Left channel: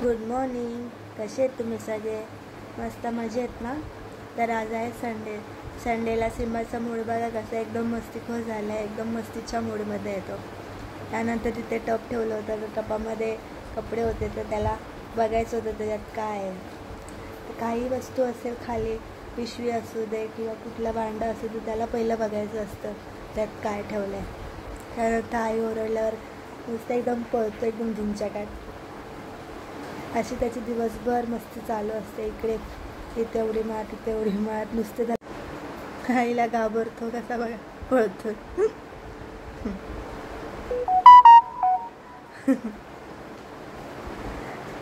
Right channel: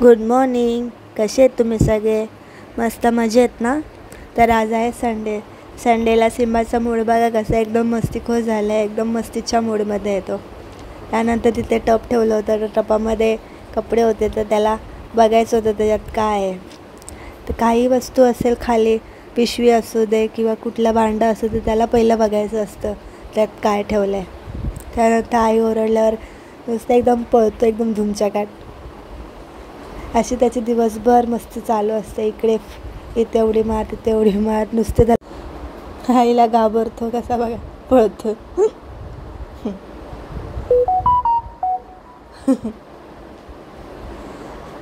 Good morning. कसे आहेत तुम्ही सगळे? मस्त मजेत ना? तर आज आहे संडे. संडेला सिम्बाचा मूड बघा कसा एकदम मस्तीखोर झाला आहे, एकदम मस्तीच्या मूडमध्ये येतो. त्यानंतर तिथे टप ठेवलं होतं, तर टपामध्ये कपडे होते, तर त्याला बघायचं होतं त्याच्यात काय आहे. तर काही वस्तू असेल खाली, पिशवी असू दे किंवा कुठलं भांडं असू दे, त्याला पहिलं बघायचं असतं त्यात काय ठेवलं आहे. त्यानंतर आई ओरडल्यावर नुसतं एकदम पळतो, एकदम धुमचकाट. अशी त्याची दिवसभर मस्ती चालू असते. इथे उडी मार, तिथे उडी मार, नुसते त्या आईला घाबरतो कसा बघा पळतो.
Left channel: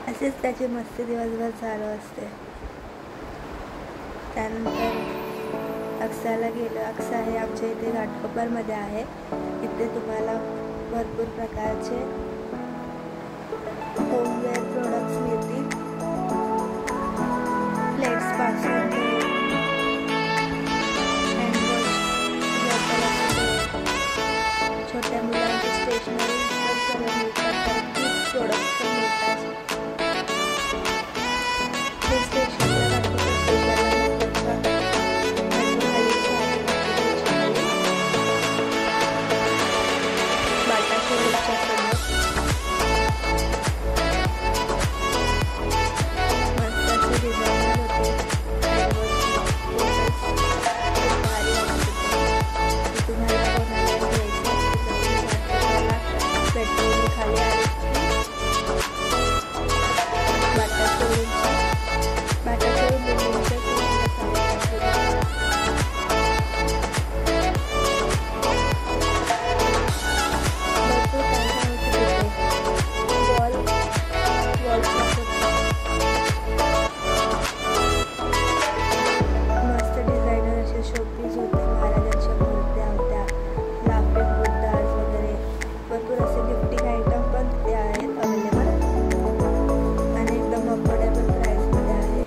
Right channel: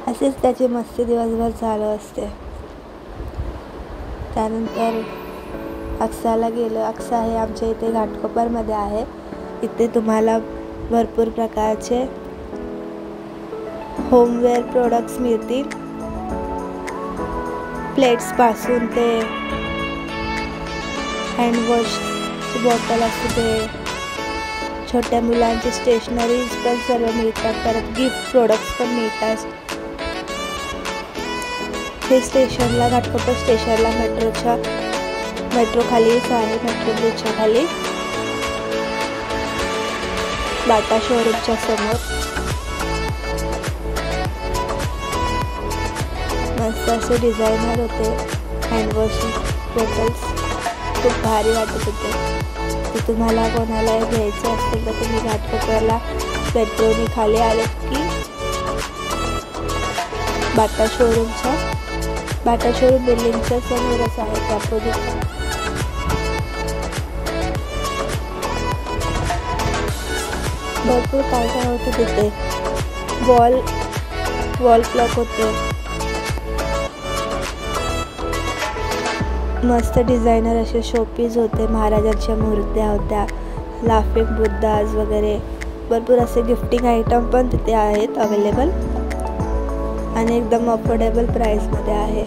असेच त्याची मस्ती दिवसभर चालू असते. त्यानंतर अक्साला गेलं. अक्सा हे आमच्या इथे घाटकोपरमध्ये आहे. इथे तुम्हाला भरपूर प्रकारचे होमवेअर प्रोडक्ट्स मिळतील. प्लेट्सपासून ते हँडवॉश बॉटल असू दे, छोट्या मुलांची स्टेशनरीज पण सर्व मिळतात. परत गिफ्ट प्रोडक्ट्स पण मिळतात. हे स्टेशनला घाटकोपर स्टेशनला मेट्रो खाली मेट्रो खाली बाटा शोरूमच्या समोर मस्त असे डिझायनर होते हँडवॉश बॉटल्स. खूप भारी वाटत होते. ते तुम्हाला कोणाला घ्यायचं असेल तर तुम्ही घाटकोपरला मेट्रोने खाली आले की बाटा शोरूम बिल्डिंगच्या समोरच आहे. त्यापूर्वी भरपूर काय होतं तिथे. वॉल क्लॉक होते. मस्त डिझायनर असे शोपीस होते. महाराजांच्या मूर्त्या होत्या, लाफिंग बुद्धाज वगैरे भरपूर असे गिफ्टिंग आयटम पण तिथे आहेत अवेलेबल आणि एकदम अफोर्डेबल प्राईसमध्ये आहे.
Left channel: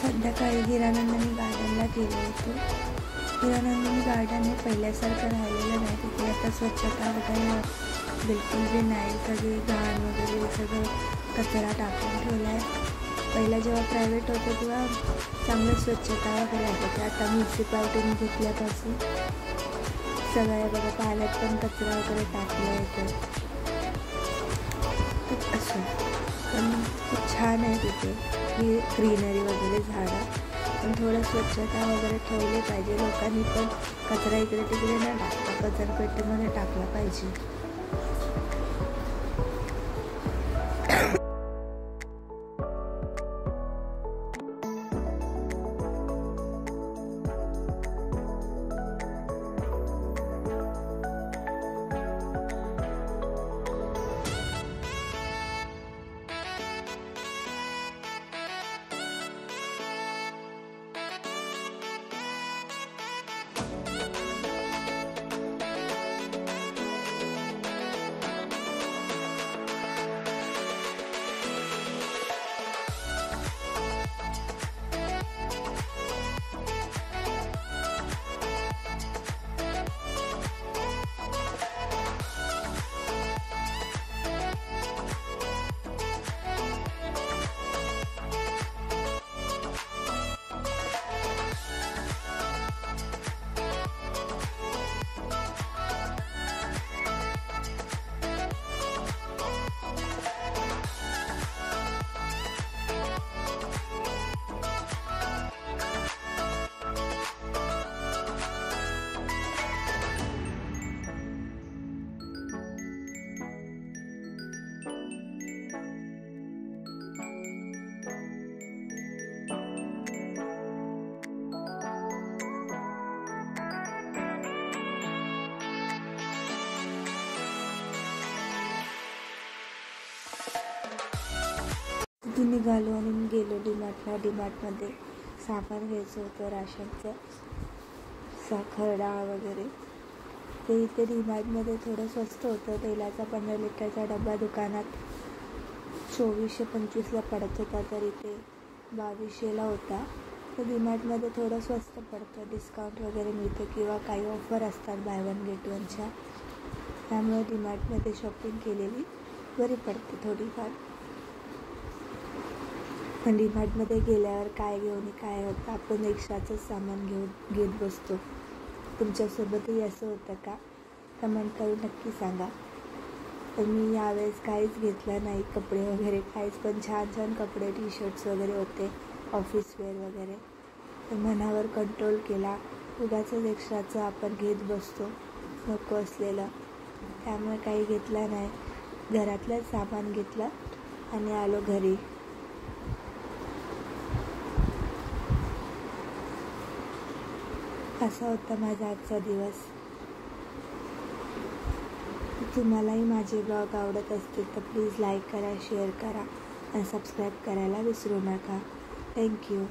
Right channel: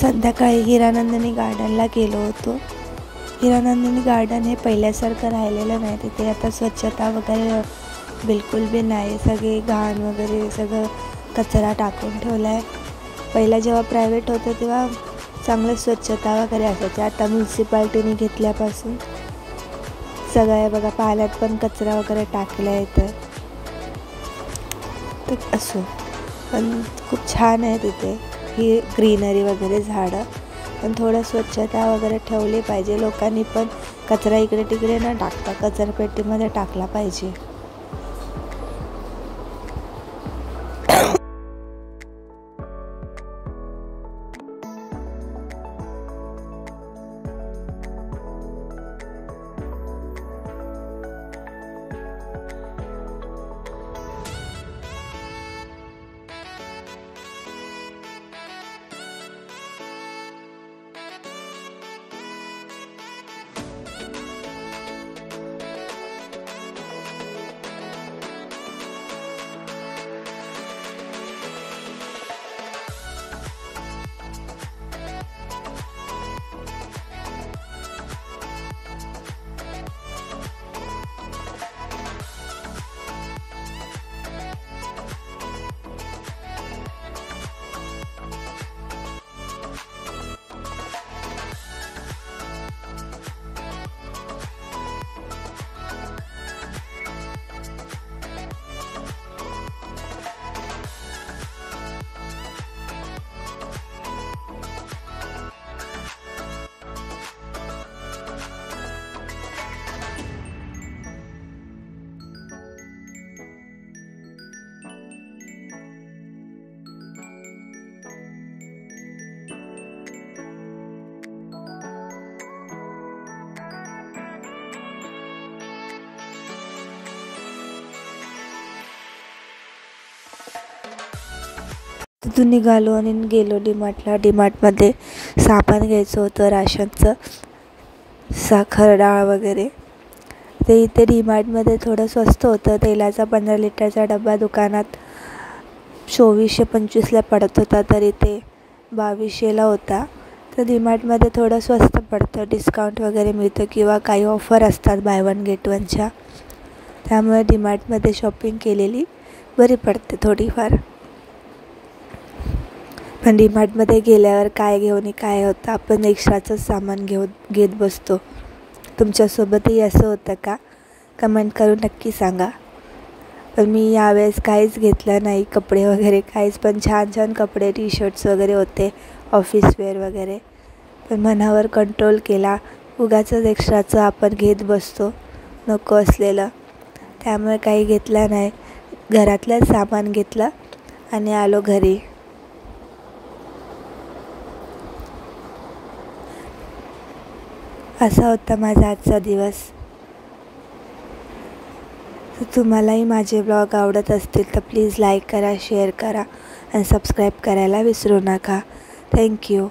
संध्याकाळी हिरानंदिनी गार्डनला गेलो होतो. हिरानंदिनी गार्डन हे पहिल्यासारखं राहिलेलं नाही. तिथे आता स्वच्छता वगैरे बिलकुल बी नाही. सगळे घाण वगैरे सगळं कचरा टाकून ठेवला आहे. पहिला जेव्हा प्रायव्हेट होतं तेव्हा चांगलं स्वच्छता वगैरे असायची. आता म्युन्सिपाल्टीने घेतल्यापासून सगळ्या बघा पाण्यात पण कचरा वगैरे टाकला आहे. तर असं पण खूप छान आहे तिथे ही ग्रीनरी वगैरे झाडं. पण थोडं स्वच्छता वगैरे ठेवली पाहिजे. लोकांनी पण कचरा इकडे तिकडे न टाकता कचरापेटीमध्ये टाकला पाहिजे. तिथून निघालो आणि गेलो डीमार्टला. डीमार्टमध्ये सामान घ्यायचं होतं राशनचं, साखर डाळ वगैरे. ते इथे डीमार्टमध्ये थोडं स्वस्त होतं. तेलाचा 15 लिटरचा डबा दुकानात 2425ला पडत होता, तर इथे 2200ला होता. तर डीमार्टमध्ये थोडं स्वस्त पडतं, डिस्काउंट वगैरे मिळतं किंवा काही ऑफर असतात बाय वन गेट वनच्या. त्यामुळे डीमार्टमध्ये शॉपिंग केलेली बरी पडते थोडीफार. पण डीमार्टमध्ये गेल्यावर काय घेऊन काय होतं, आपण एक्स्ट्राचंच सामान घेत बसतो. तुमच्यासोबतही असं होतं का? कमेंट करून नक्की सांगा. पण मी यावेळेस काहीच घेतलं नाही, कपडे वगैरे काहीच. पण छान छान कपडे टी शर्ट्स वगैरे होते, ऑफिस वेअर वगैरे. पण मनावर कंट्रोल केला. उगाचच एक्स्ट्राचं आपण घेत बसतो नको असलेलं. त्यामुळे काही घेतलं नाही. घरातलंच सामान घेतलं आणि आलो घरी. असा होता माझा आजचा दिवस. तुम्हालाही माझे ब्लॉग आवडत असतील तर प्लीज लाईक करा, शेअर करा आणि सबस्क्राईब करायला विसरू नका. थँक्यू.